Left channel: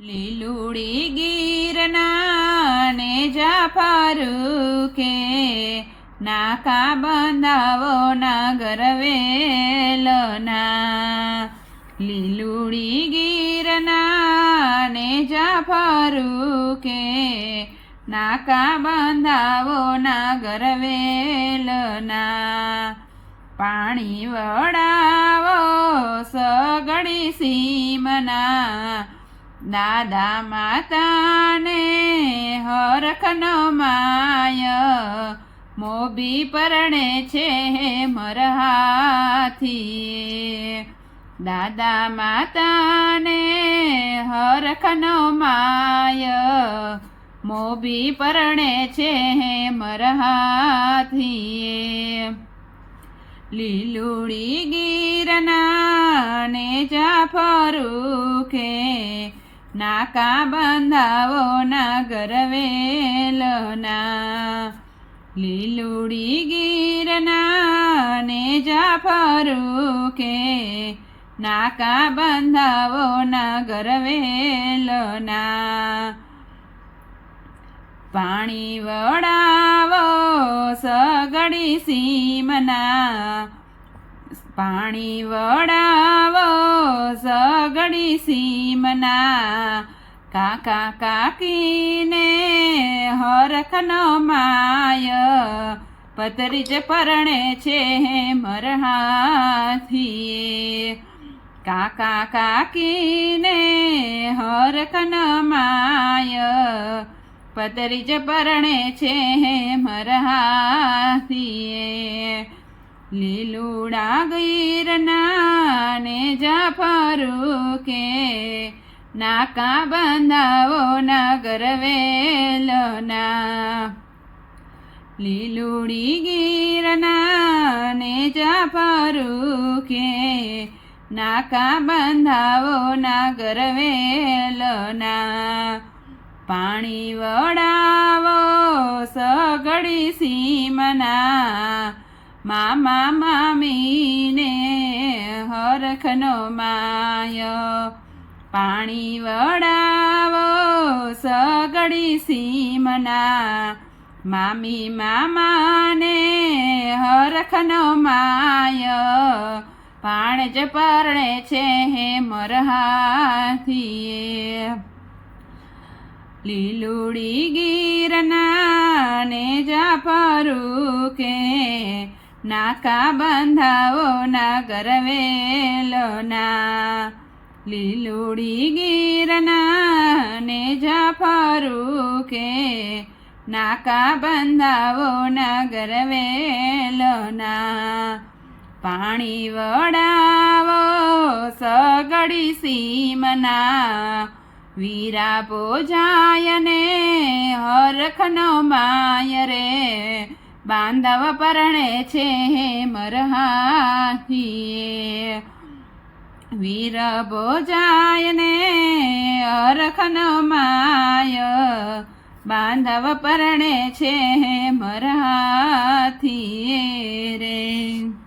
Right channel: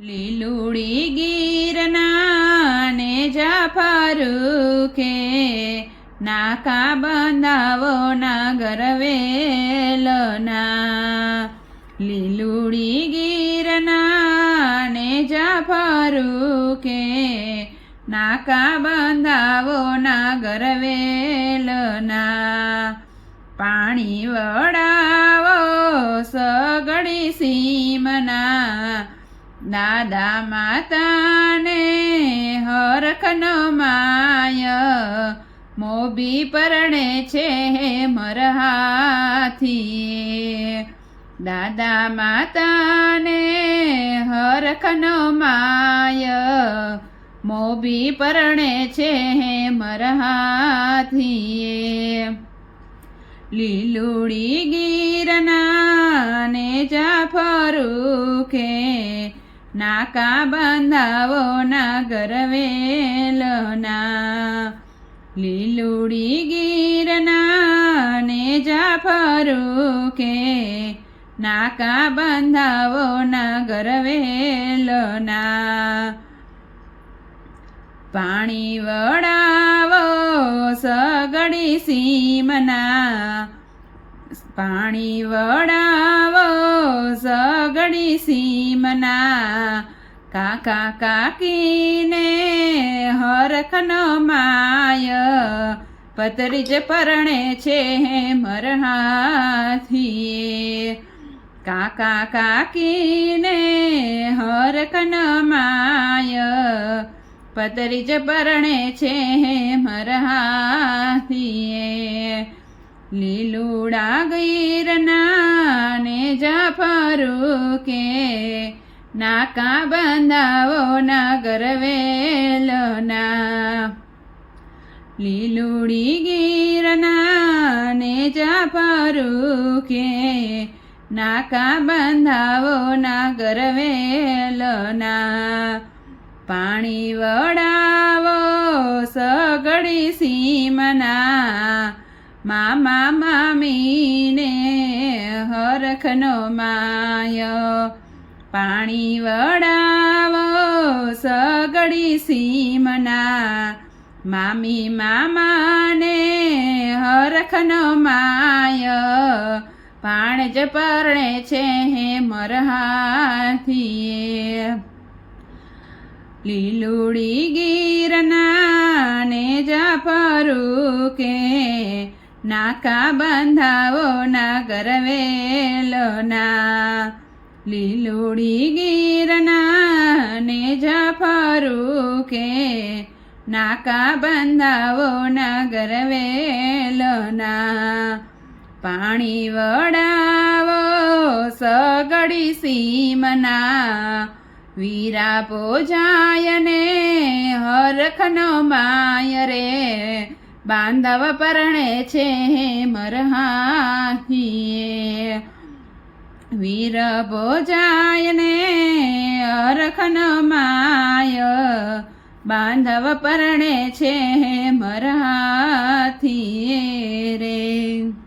લીલુડી ગીરના ને જાફરુખે નાકા બંધાવો ના ગરવેલના લીલુડી ગીરના ને જાફરુખે નાકા બંધાવો ના ગરવેલના પાણી વડાવો સગડી સીમના. દાદા માતાને હરખનો માય. મોબી પરણે છે મરહાથી. દાદા માતાને હરખનો માય. મોબી પરણે છે મરહાથી. લીલુડી ગીરના ને જાફરુખે નાકા બાંધાવો ના ગરવેલના લીલુડી ગીરના ને જાફરુખે નાકા બાંધાવો ના ગરવેલના પાણી વડાવો સગડી સીમના. પાણી વડાવો સગડી સીમના. કાકા કાકીને હરખનો માય. પતરી જ પરણે છે મરહાથી. કાકા કાકીને હરખન માય. પતરી જ પરણે છે મરહાથી. લીલુડા ગીરના ને જાફરુકે નાકા બંધાવો નગર ગરવેલના લીલુડી ગીરના ને જાફરુકે નાકા બંધાવો નગર ગરવેલના પાણી વડાવો સગડી સીમના. મામા મામીને હરખનો માય. પાણી વડાવો સગડી સીમના. મામી મામાને હરખનો માય. પાણ જ પરણે છે હે મરહાથી લીલુડી ગીરના ને જાફરુકે નાકા બંધાવો ના ગરવેલના લીલુડી ગીરના ને જાફરુકે નાકા બંધાવો ના ગરવેલના પાણી વડાવો સગડી સીમના વીરા પોજાયને હરખનો માય રે બાંધવ પરણે છે મરહાથી વીર ભોજાયને અરખન માય. બાંધવ પરણે છે મરહાથી રે.